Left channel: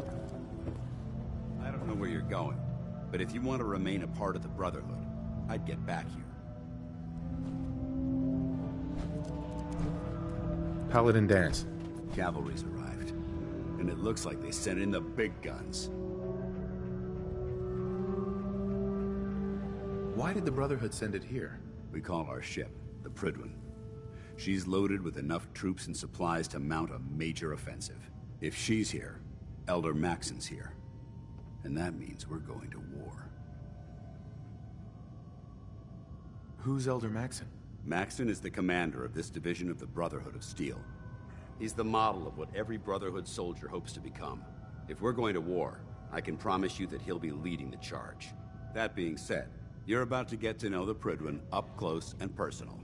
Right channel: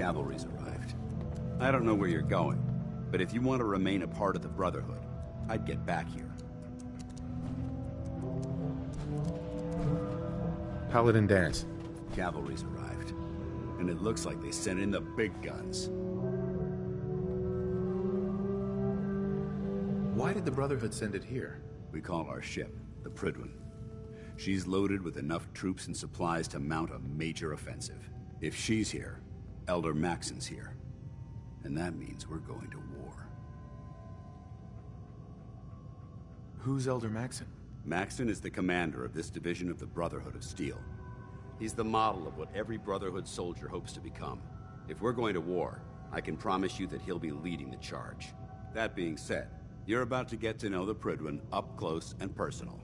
Cavalry's arrived. I don't know where you're going, but if you want to remain a part of the Brotherhood, I'd get back here. Paladin Dance. Cavalry's arrived, and it looks like they sent in the big guns. Why did the Brotherhood send it here? We call our ship the Prydwen. She's loaded with enough troops and supplies to mount a major offensive. If she's here, Elder Maxon's here. And that means we're going to war. Who's Elder Maxon? Maxon is the commander of this division of the Brotherhood of Steel. He's the model of what every Brotherhood soldier hopes to become. If we're going to war, I can promise you that he'll be leading the charge. That being said, you're about to get to know the Prydwen up close and personal.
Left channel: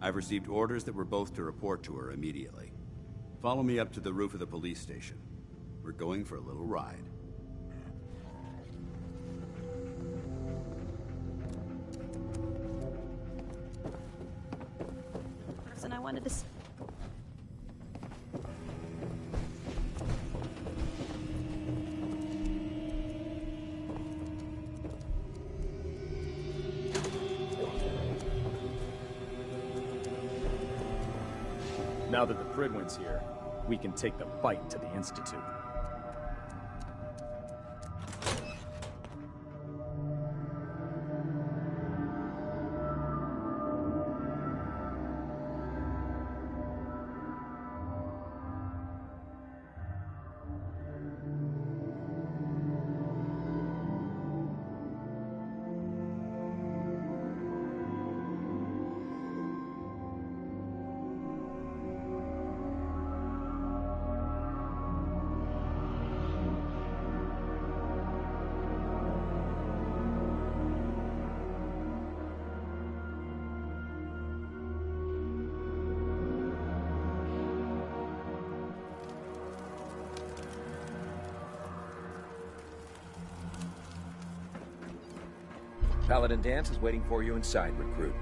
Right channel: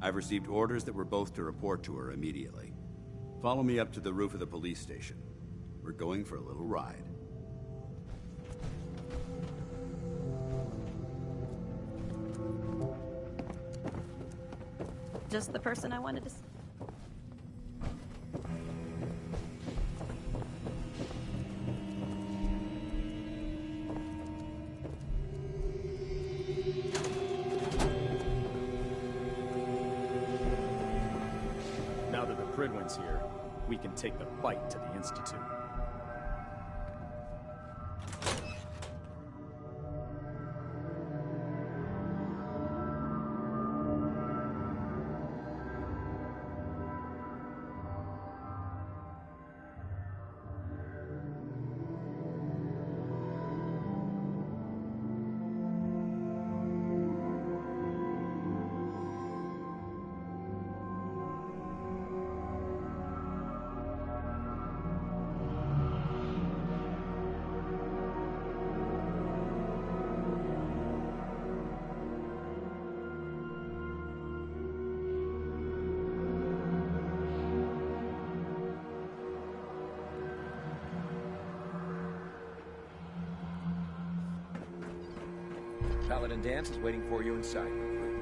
I've received orders that we're both to report to her immediately. Follow me up to the roof of the police station. We're going for a little ride. Just the person I wanted to see. Now that the Prydwen's here, we can take the fight to the Institute. Paladin Dance is waiting for you inside, recruit.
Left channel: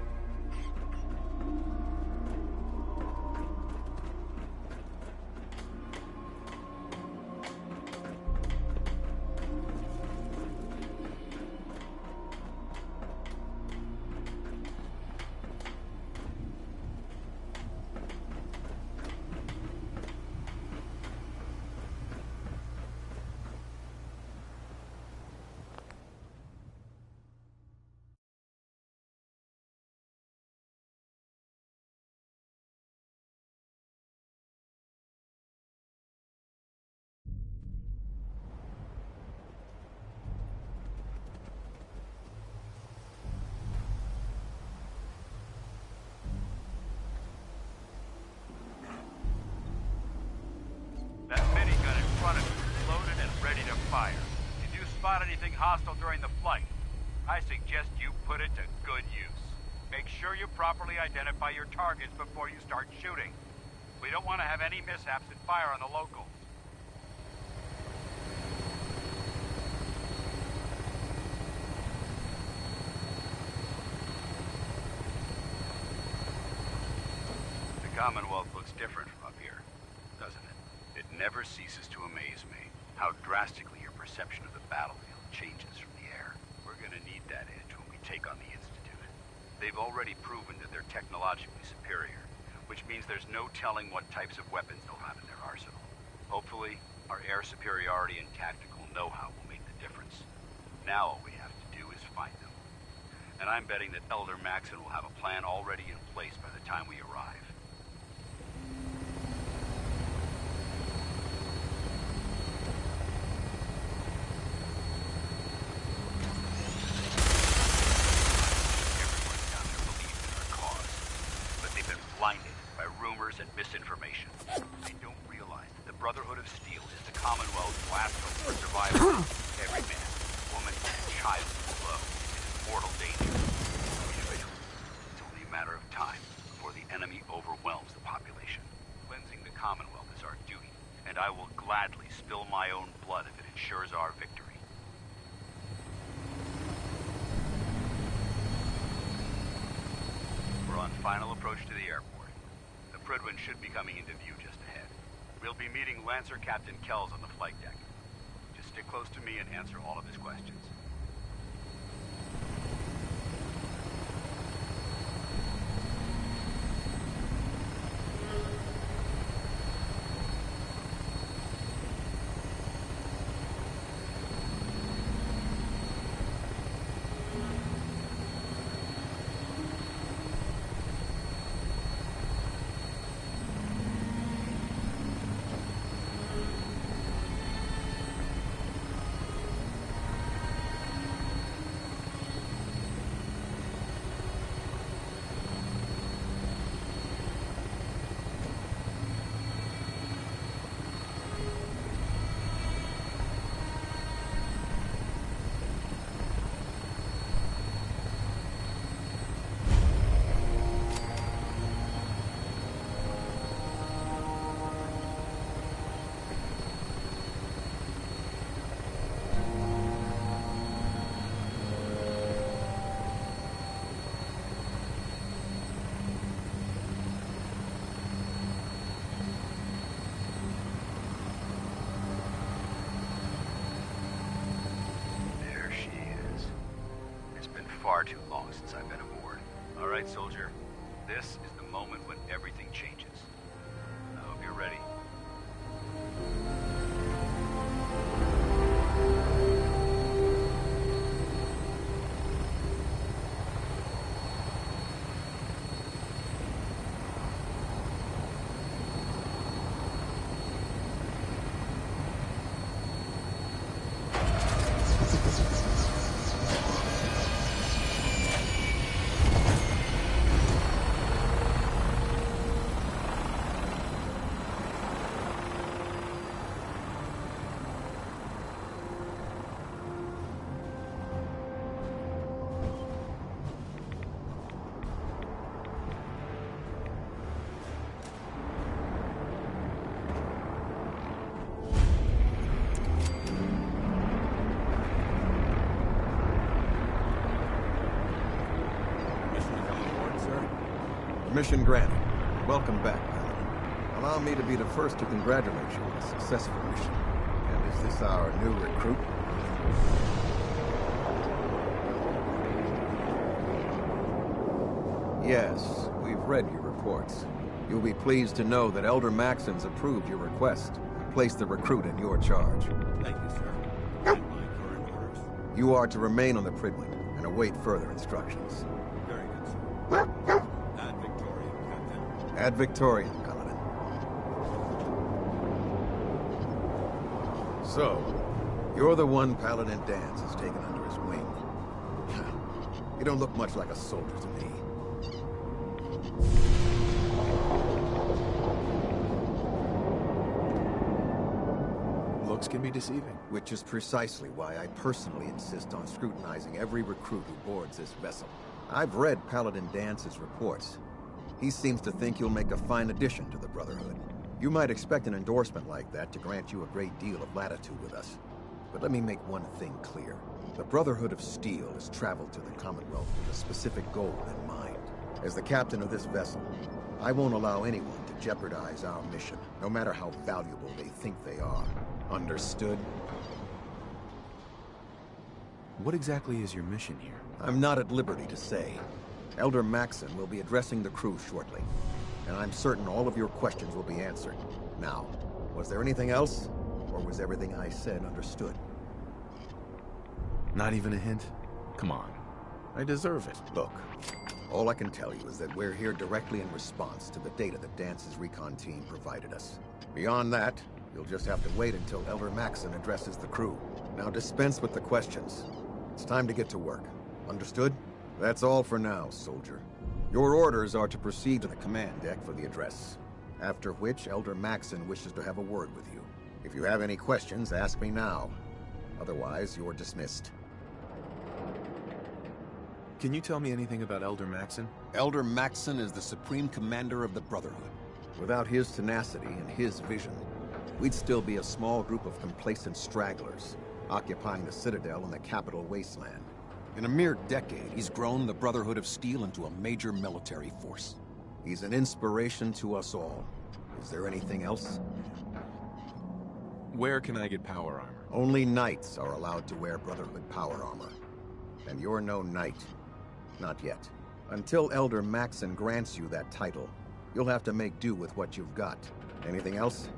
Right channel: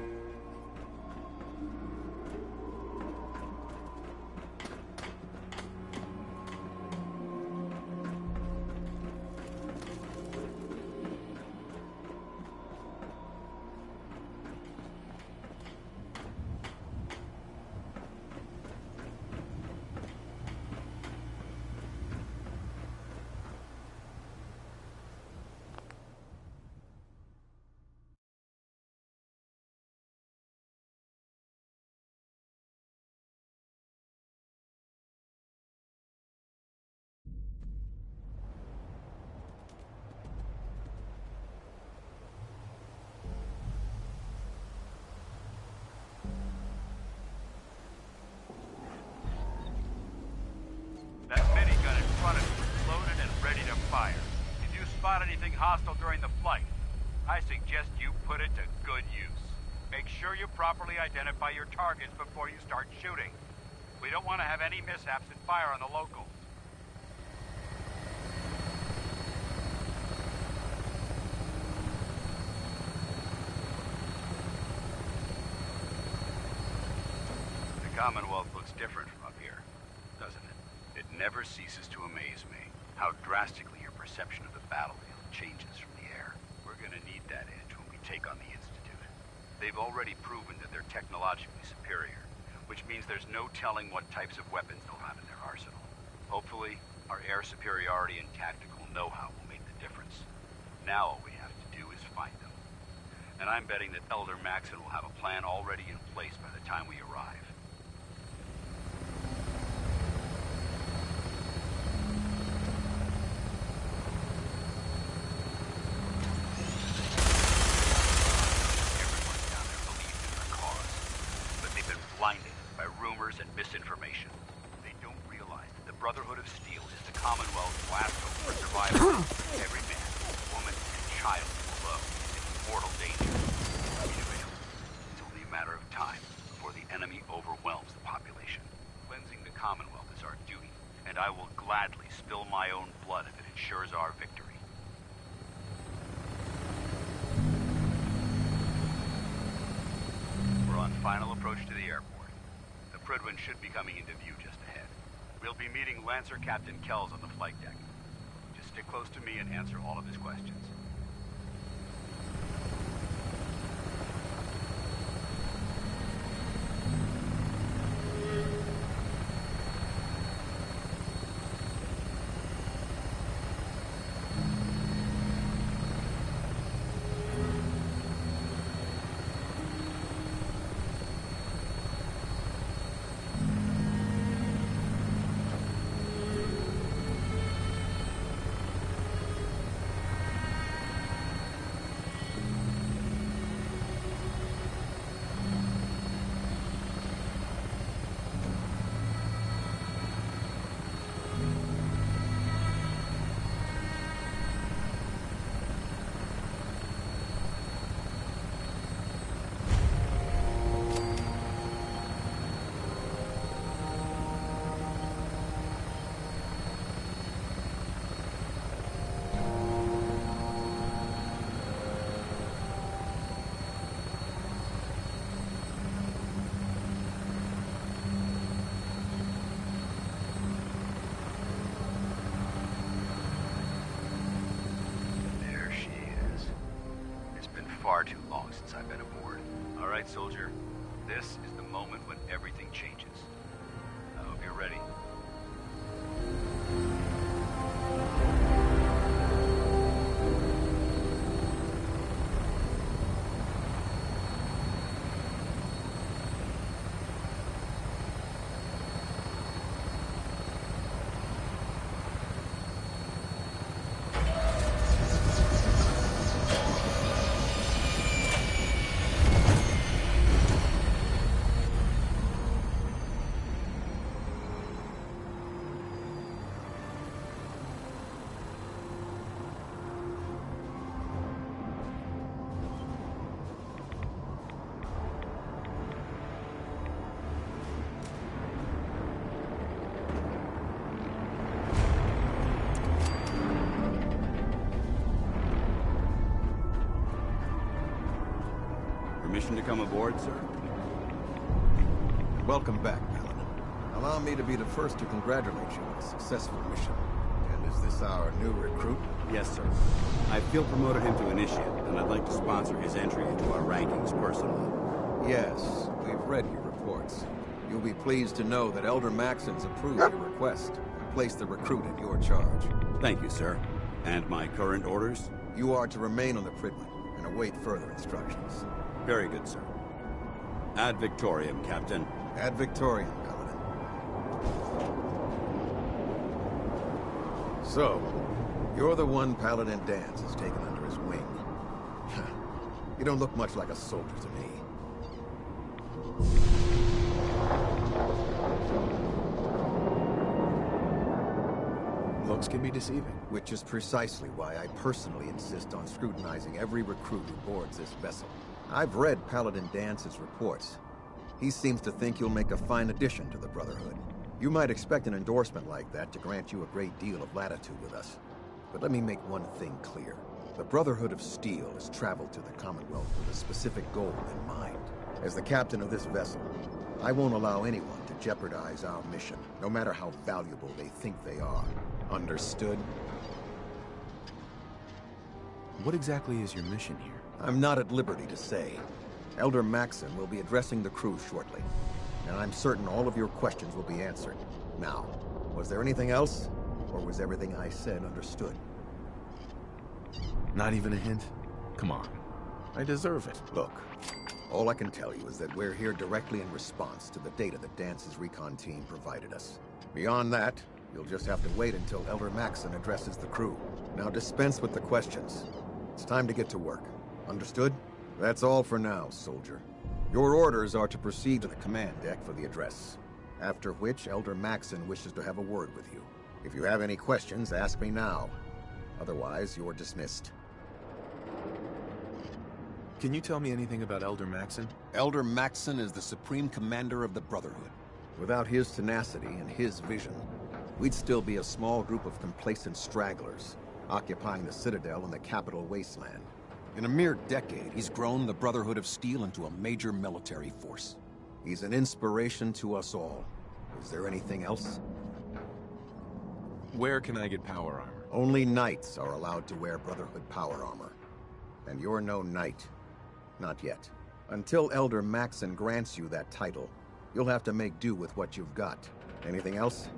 Spot anything hostile during the flight, I suggest you put it to good use. Make sure you properly identify your targets before you start shooting. We don't want to have any mishaps and fire on the locals. The Commonwealth looks different from up here, doesn't it? It never ceases to amaze me how drastically your perception of the battlefield changes from the air. We're gonna need that edge when we take on the Institute. They've already proven that they're technologically superior, which means there's no telling what types of weapons they'll have in their arsenal. Hopefully, our air superiority and tactical know-how will make the difference. Now all we have to do is find them. And I'm betting that Elder Maxon will have a plan already in place by the time we arrive. Blinded by rumors and misinformation. They don't realize that the Brotherhood of Steel is the Commonwealth's last hope for survival. Every man, woman, and child below is in mortal danger. Individually, it's only a matter of time before the enemy overwhelms the population. Cleansing the Commonwealth is our duty, and I will gladly spill my own blood if it ensures our victory. We're on final approach to the airport. The Prydwen should be coming into view just ahead. We'll be meeting Lancer Captain Kells on the flight deck. Just stick close to me and answer all of his questions. Far too long since I've been aboard. All right, soldier. This is the moment when everything changes. I hope you're ready. Permission to come aboard, sir? Mission granted. Welcome back, Paladin. Allow me to be the first to congratulate you on a successful mission. And is this our new recruit? Yes, sir. I feel promoted him to initiate, and I'd like to sponsor his entry into our rankings personally. Yes, we've read your reports. You'll be pleased to know that Elder Maxon's approved your request and placed the recruit in your charge. Thank you, sir. And my current orders? You are to remain on the Pridwin and await further instructions. Very good, sir. Ad Victoriam, Captain. Ad Victoriam, Paladin. So, you're the one Paladin Danse has taken under his wing. You don't look much like a soldier to me. Looks can be deceiving. Which is precisely why I personally insist on scrutinizing every recruit who boards this vessel. I've read Paladin Dance's reports. He seems to think you'll make a fine addition to the Brotherhood. You might expect an endorsement like that to grant you a great deal of latitude with us. But let me make one thing clear. The Brotherhood of Steel has traveled to the Commonwealth with a specific goal in mind. As the captain of this vessel, I won't allow anyone to jeopardize our mission, no matter how valuable they think they are. Understood? What exactly is your mission here? I'm not at liberty to say. Elder Maxon will be addressing the crew shortly, and I'm certain all of your questions will be answered. Now, was there anything else, or was everything I said understood? Not even a hint? Come on. I deserve it. Look, all I can tell you is that we're here directly in response to the data that Dance's recon team provided us. Beyond that, you'll just have to wait until Elder Maxon addresses the crew. Now dispense with the questions. It's time to get to work. Understood? That's all for now, soldier. Your orders are to proceed to the command deck for the address. After which, Elder Maxon wishes to have a word with you. If you have any questions, ask me now. Otherwise, you're dismissed. Can you tell me anything about Elder Maxon? Elder Maxon is the supreme commander of the Brotherhood. Without his tenacity and his vision, we'd still be a small group of complacent stragglers, occupying the Citadel and the capital wasteland. In a mere decade, he's grown the Brotherhood of Steel into a major military force. He's an inspiration to us all. Is there anything else? Where can I get power armor? Only knights are allowed to wear Brotherhood power armor. And you're no knight. Not yet. Until Elder Maxon grants you that title, you'll have to make do with what you've got. Anything else?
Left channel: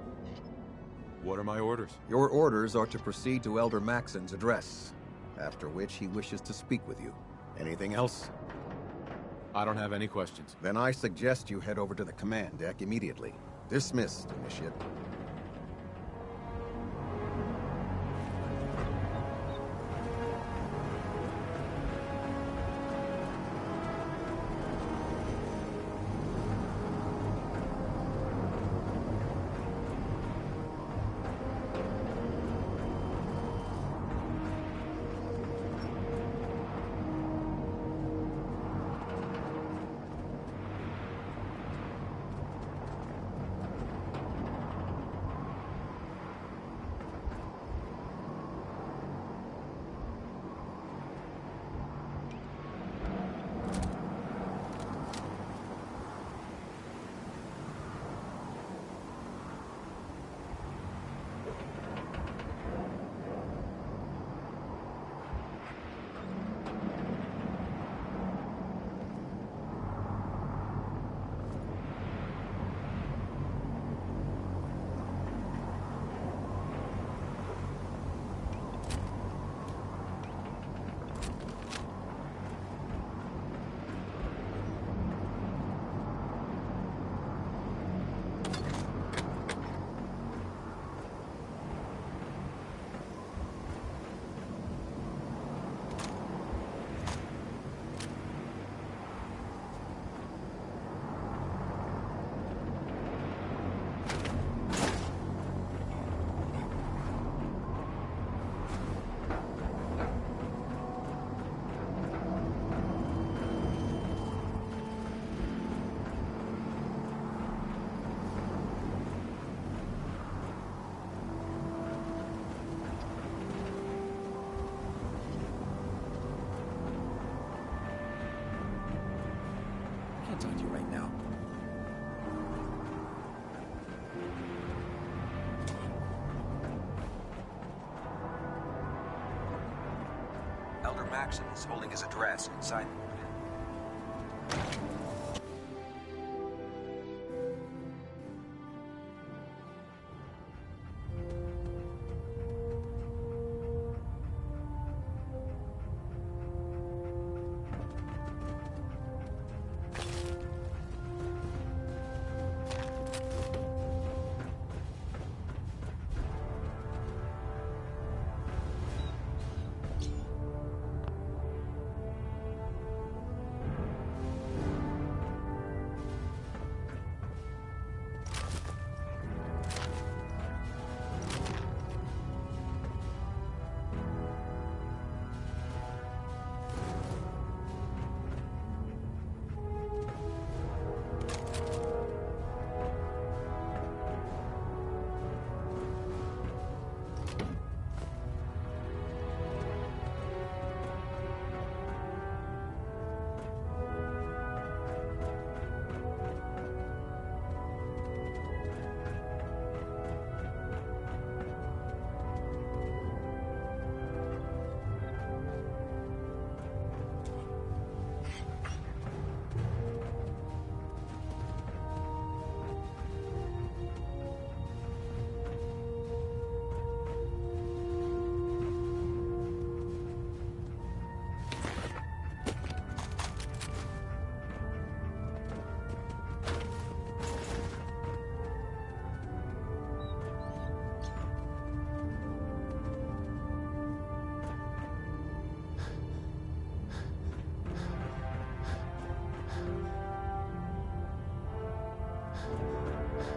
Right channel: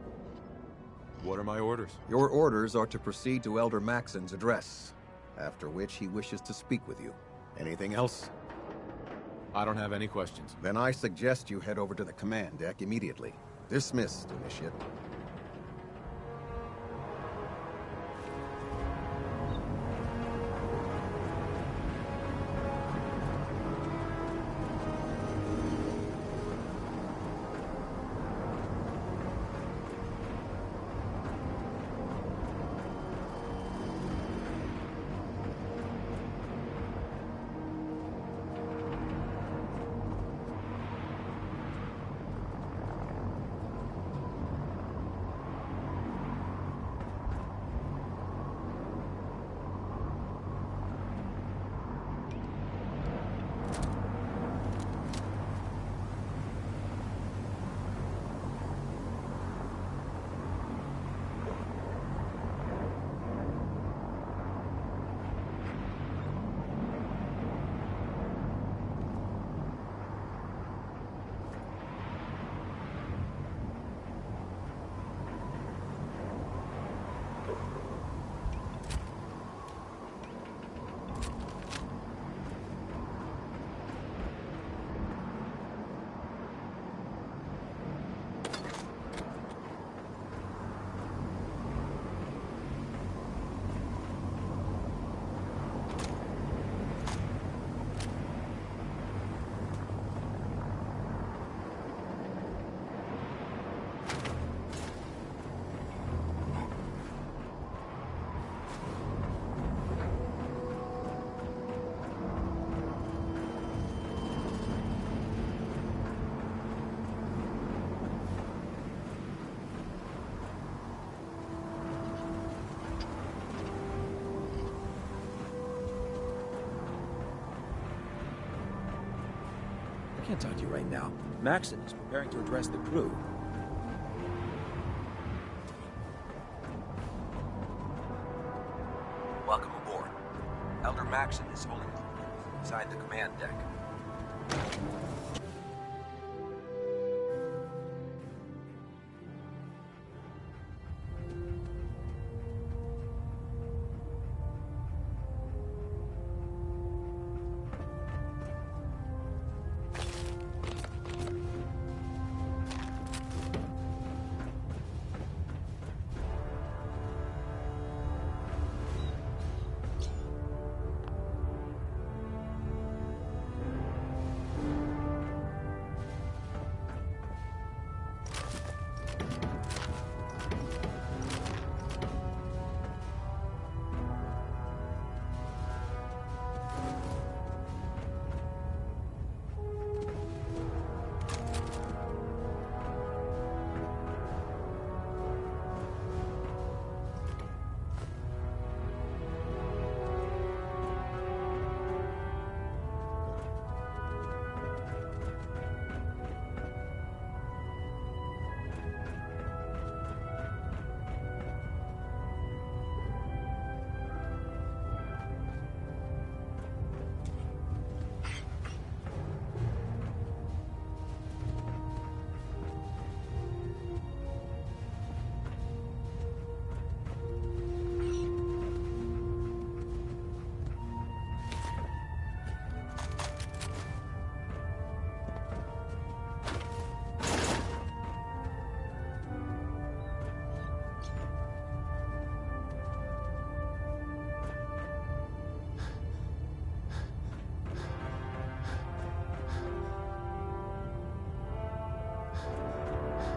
What are my orders? Your orders are to proceed to Elder Maxon's address, after which he wishes to speak with you. Anything else? I don't have any questions. Then I suggest you head over to the command deck immediately. Dismissed, Initiate. I can't talk to you right now. Maxon is preparing to address the crew. Welcome aboard. Elder Maxon is holding his address inside the command deck.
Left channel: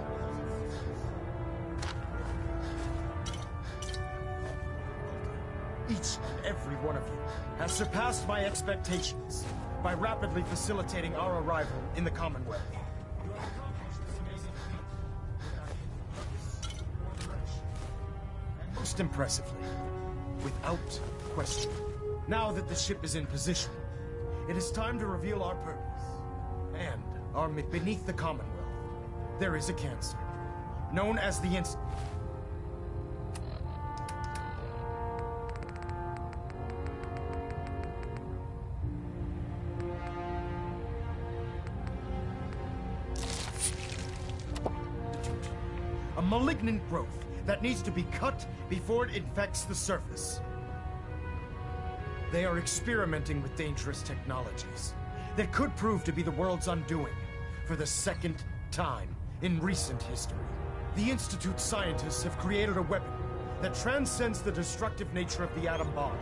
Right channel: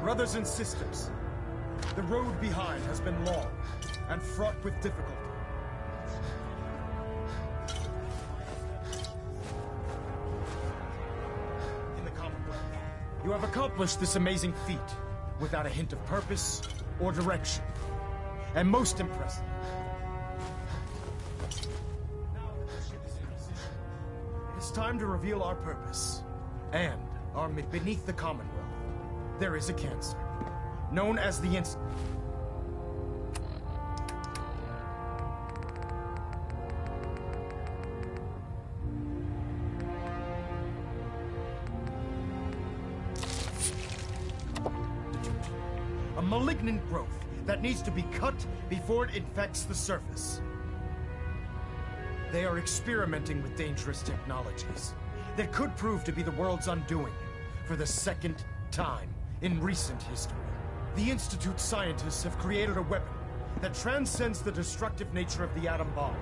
Brothers and sisters, the road behind has been long and fraught with difficulty. Each and every one of you has surpassed my expectations by rapidly facilitating our arrival in the Commonwealth. You have accomplished this amazing feat without a hint of purpose or direction. And most impressively, without question. Now that the ship is in position, it is time to reveal our purpose. And beneath the Commonwealth, there is a cancer, known as the A malignant growth that needs to be cut before it infects the surface. They are experimenting with dangerous technologies that could prove to be the world's undoing for the second time in recent history. The Institute's scientists have created a weapon that transcends the destructive nature of the atom bomb.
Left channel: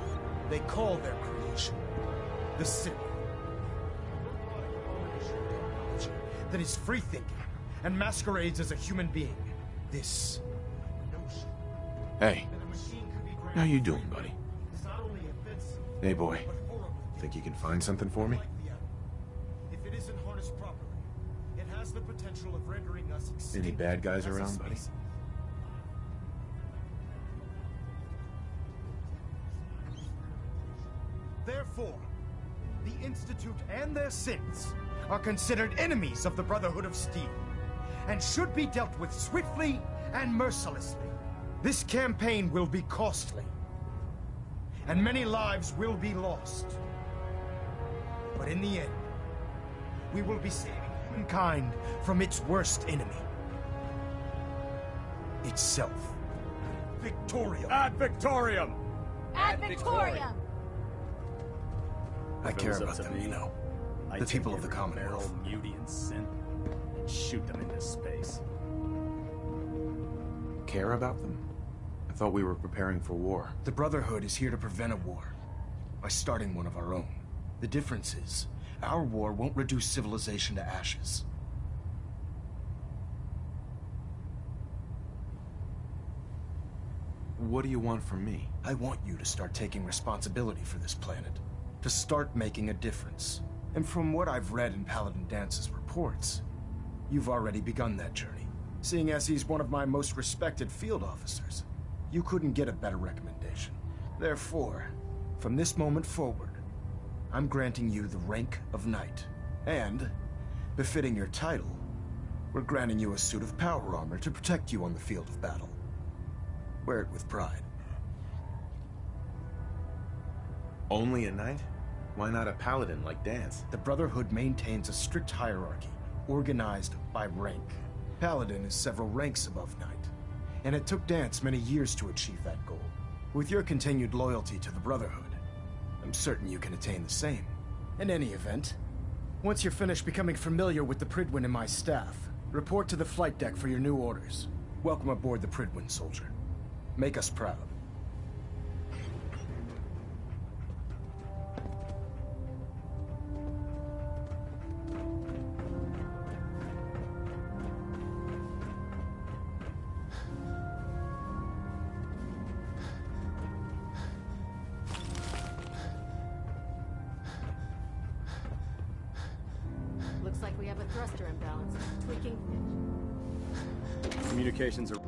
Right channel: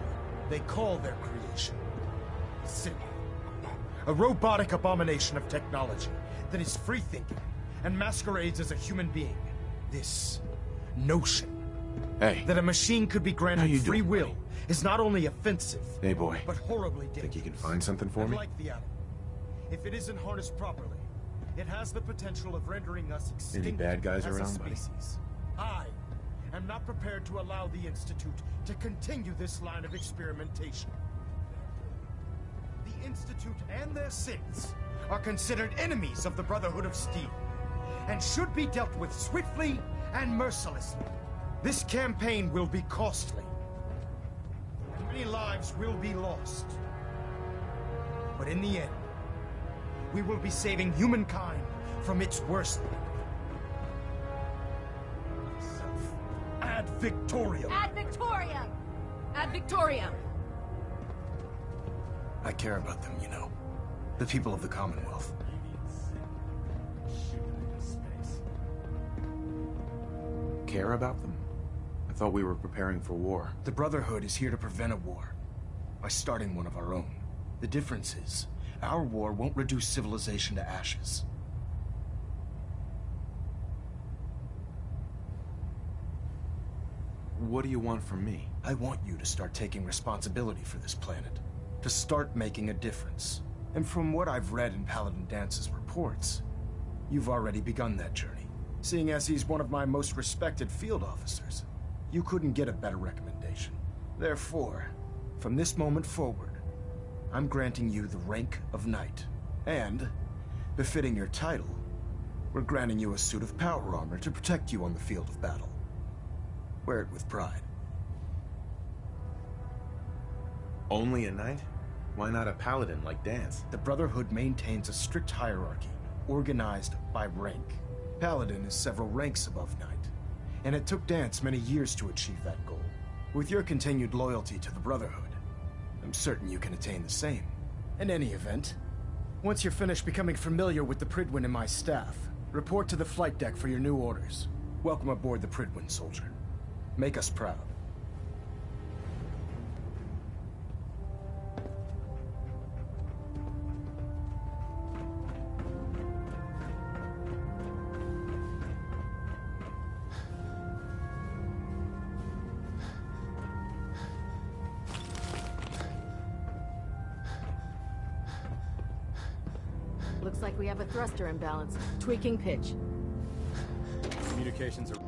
They call their creation the Synth. A robotic abomination of technology that is free-thinking and masquerades as a human being. This notion that a machine could be granted free will is not only offensive, hey boy, but horribly dangerous. think you can find something for me? Like the atom, if it isn't harnessed properly, it has the potential of rendering us extinct. Any bad guys as a around, buddy? species. I am not prepared to allow the Institute to continue this line of experimentation. Therefore, the Institute and their synths are considered enemies of the Brotherhood of Steel, and should be dealt with swiftly and mercilessly. This campaign will be costly, and many lives will be lost. But in the end, we will be saving humankind from its worst enemy. Itself. Ad Victoriam! Ad Victoriam! Ad Victoriam! I care about them, you know. The people of the Commonwealth. Beauty and sin, and shoot them into space. Care about them? I thought we were preparing for war. The Brotherhood is here to prevent a war by starting one of our own. The difference is, our war won't reduce civilization to ashes. What do you want from me? I want you to start taking responsibility for this planet. To start making a difference. And from what I've read in Paladin Dance's reports, you've already begun that journey. Seeing as he's one of my most respected field officers, you couldn't get a better recommendation. Therefore, from this moment forward, I'm granting you the rank of Knight. And, befitting your title, we're granting you a suit of power armor to protect you on the field of battle. Wear it with pride. Only a knight? Why not a paladin like Dance? The Brotherhood maintains a strict hierarchy, organized by rank. Paladin is several ranks above Knight, and it took Dance many years to achieve that goal. With your continued loyalty to the Brotherhood, I'm certain you can attain the same. In any event, once you're finished becoming familiar with the Pridwin and my staff, report to the flight deck for your new orders. Welcome aboard the Pridwin, soldier. Make us proud. Looks like we have a thruster imbalance. Tweaking pitch. Communications are...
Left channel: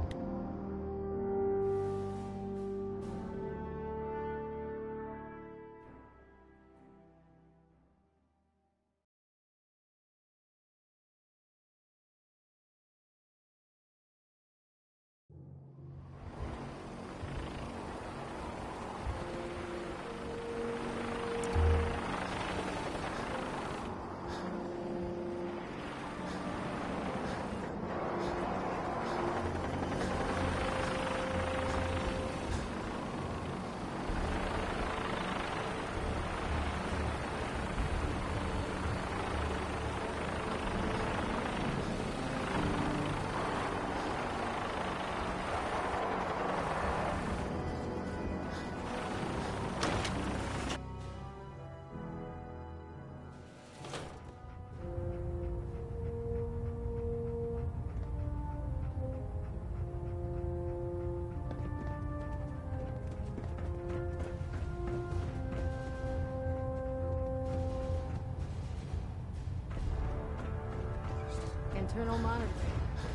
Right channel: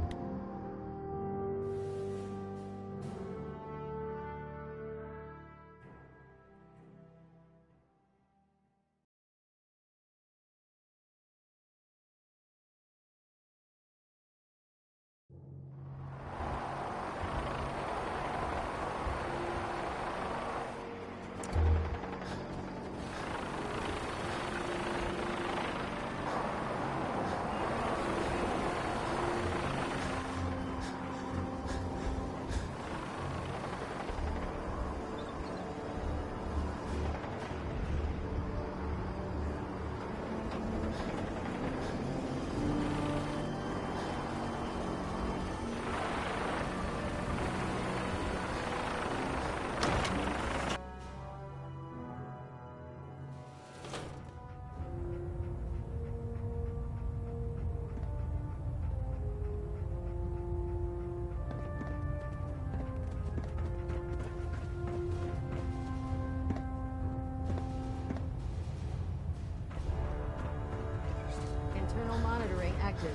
Internal monitoring active.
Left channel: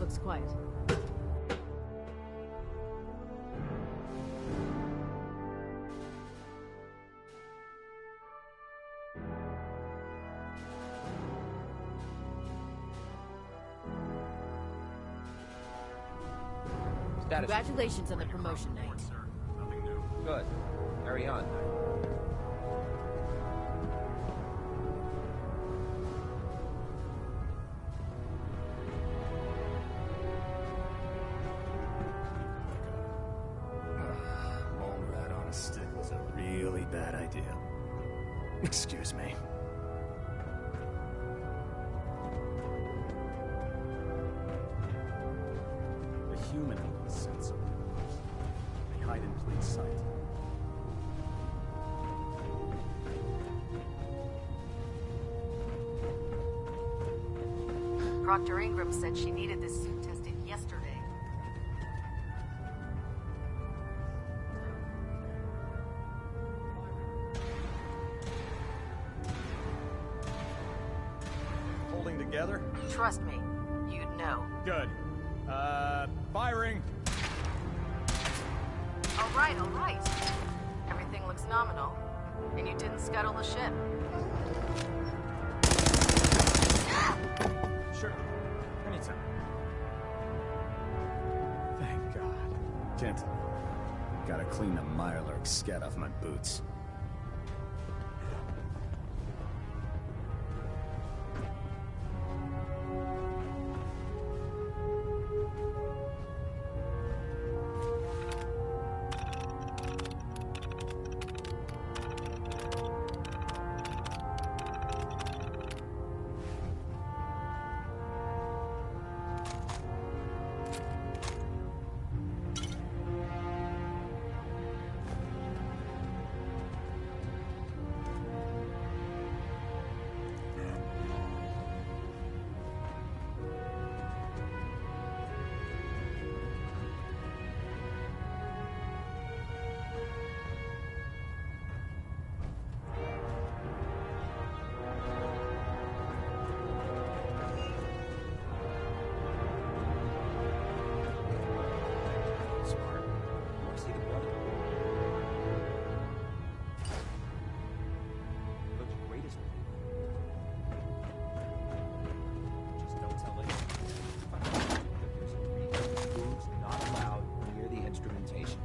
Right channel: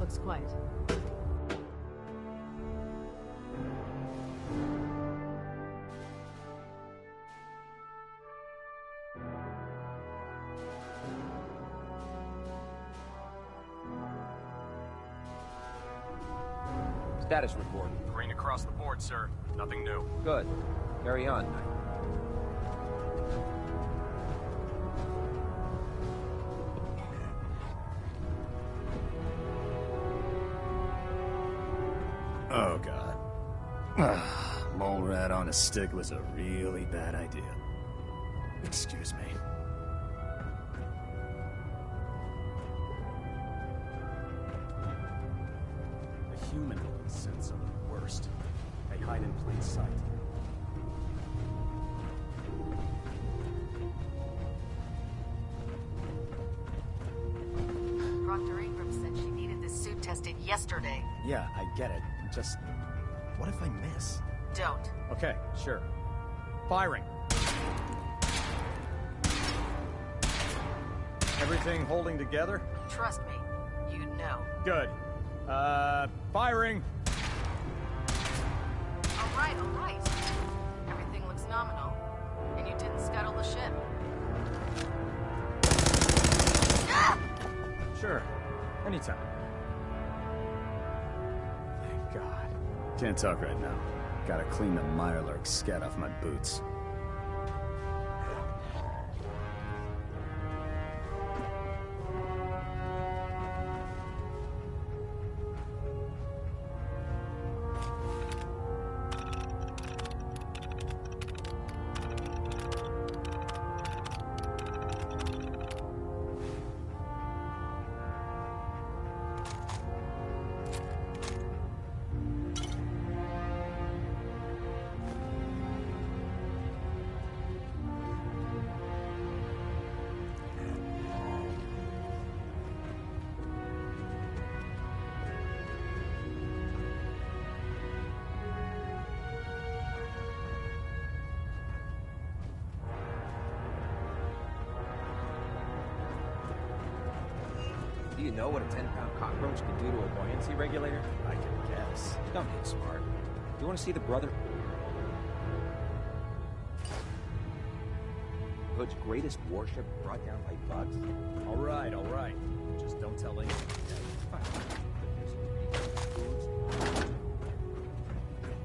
Looks quiet. Status Congratulations on Rain the across the promotion. board, sir. Nothing new. Good. Carry on. Mole rat on a stick was a really bad idea. Excuse me. The humanoid scents are the worst. They hide in plain sight. Dr. Ingram said she needed this suit tested yesterday. Yeah, I get it. Just... what if I miss? Don't. Okay, sure. Firing. Everything holding together? Trust me, you'd know. Good. Firing! All right. Everything looks nominal. And you didn't scuttle the ship. Ah! Sure. Anytime. Thank God. Can't talk right now. Gotta clean the Mirelurk scat off my boots. Do you know what a 10-pound cockroach can do to a buoyancy regulator? I can guess. Don't get smart. You want to see the Brotherhood's greatest warship brought down by bugs? All right. Just don't tell anyone. Fine. But there's a reason food's not allowed near the instrumentation.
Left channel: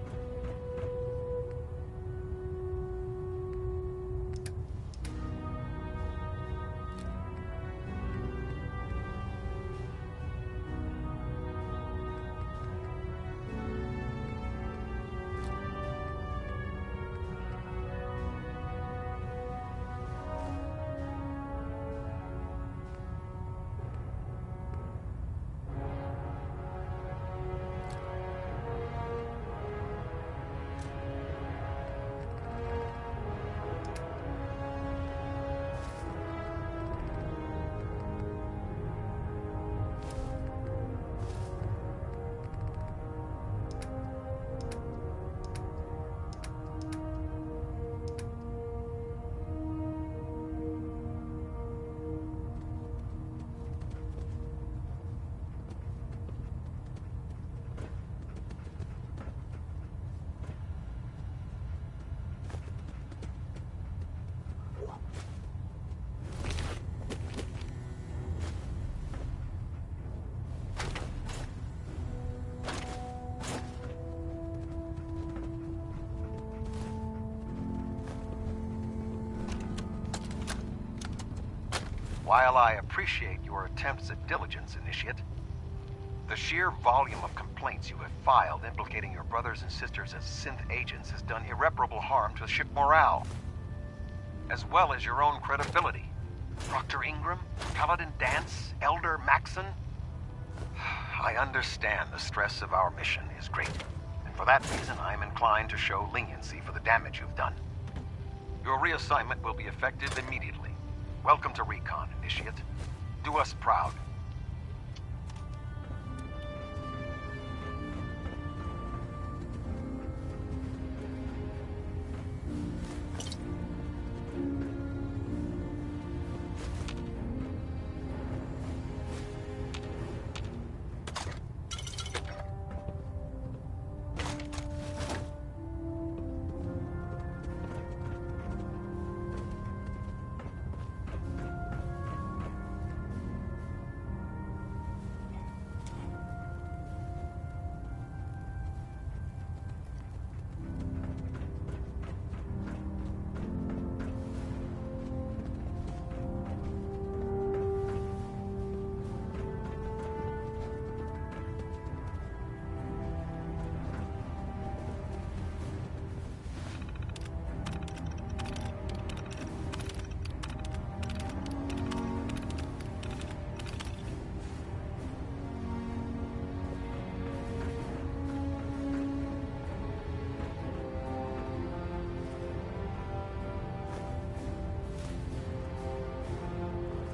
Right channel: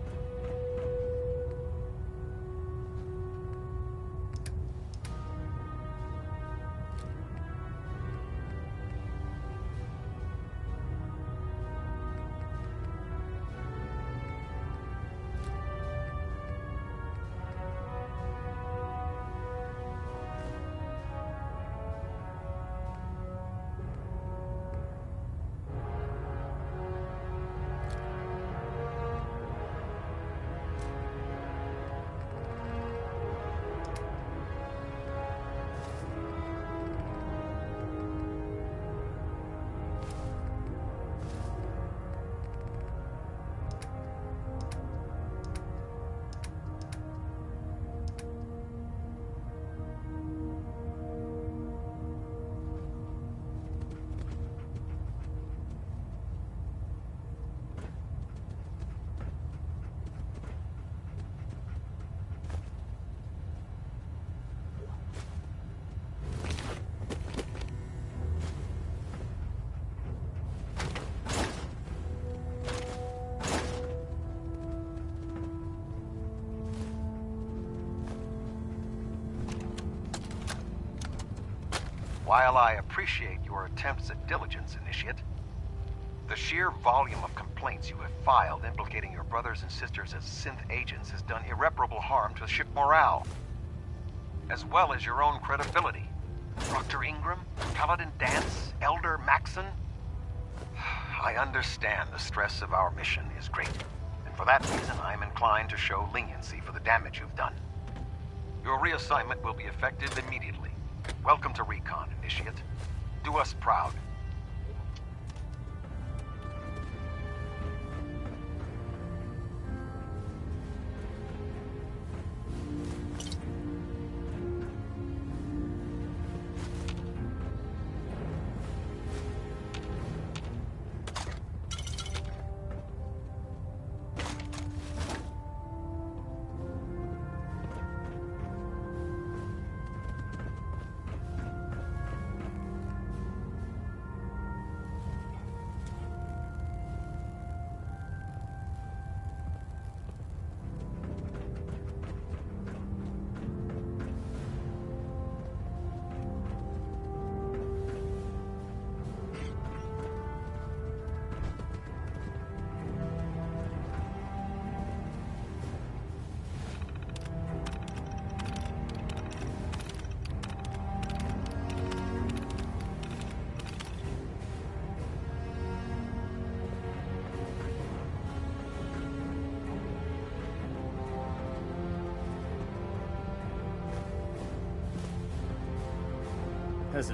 While I appreciate your attempts at diligence, Initiate, the sheer volume of complaints you have filed implicating your brothers and sisters as synth agents has done irreparable harm to ship morale, as well as your own credibility. Dr. Ingram, Paladin Dance, Elder Maxon. I understand the stress of our mission is great, and for that reason I'm inclined to show leniency for the damage you've done. Your reassignment will be effective immediately. Welcome to Recon, Initiate. Do us proud.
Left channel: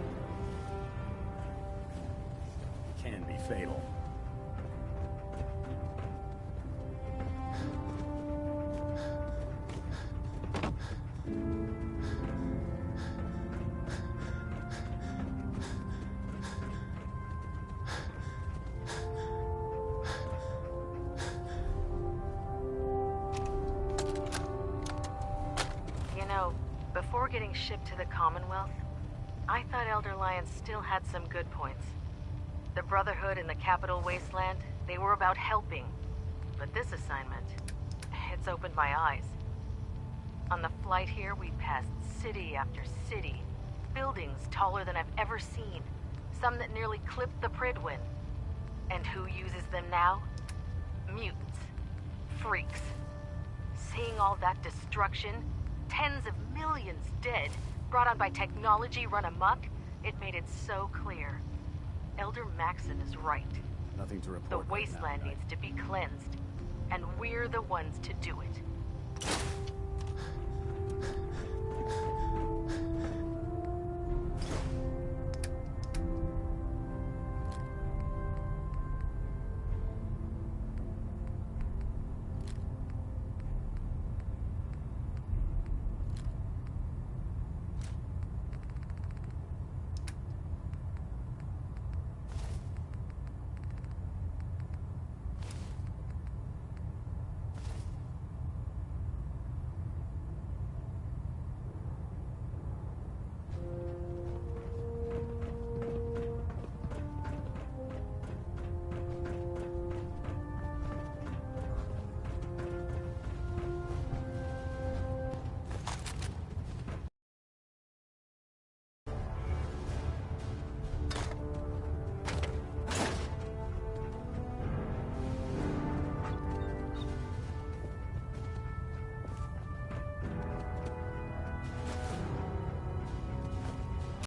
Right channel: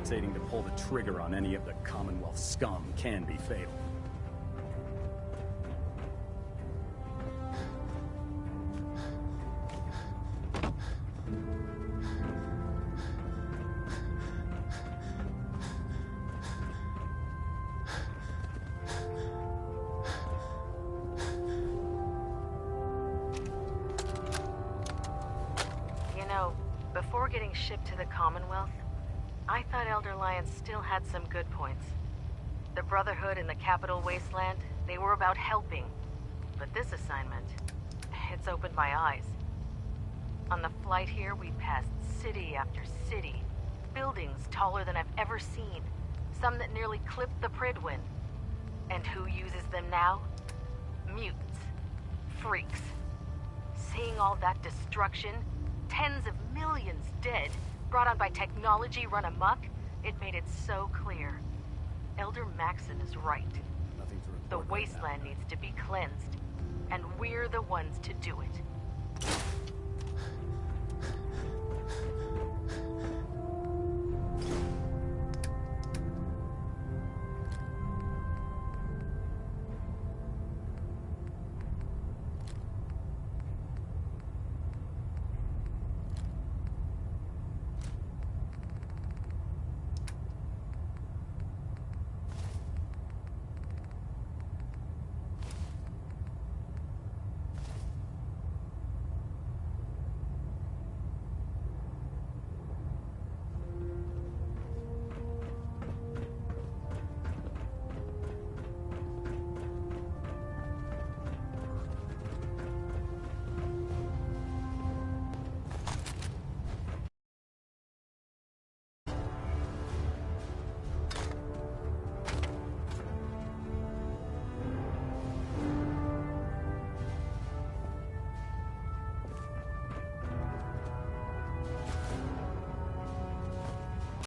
hesitating to pull the trigger on any of the Commonwealth scum can be fatal. Before getting shipped to the Commonwealth, I thought Elder Lyons still had some good points. The Brotherhood in the Capital Wasteland, they were about helping. But this assignment, it's opened my eyes. On the flight here, we passed city after city. Buildings taller than I've ever seen. Some that nearly clipped the Pridwin. And who uses them now? Mutants. Freaks. Seeing all that destruction, tens of millions dead, brought on by technology run amok, it made it so clear. Elder Maxon is right. Nothing to report. The wasteland needs to be cleansed, and we're the ones to do it.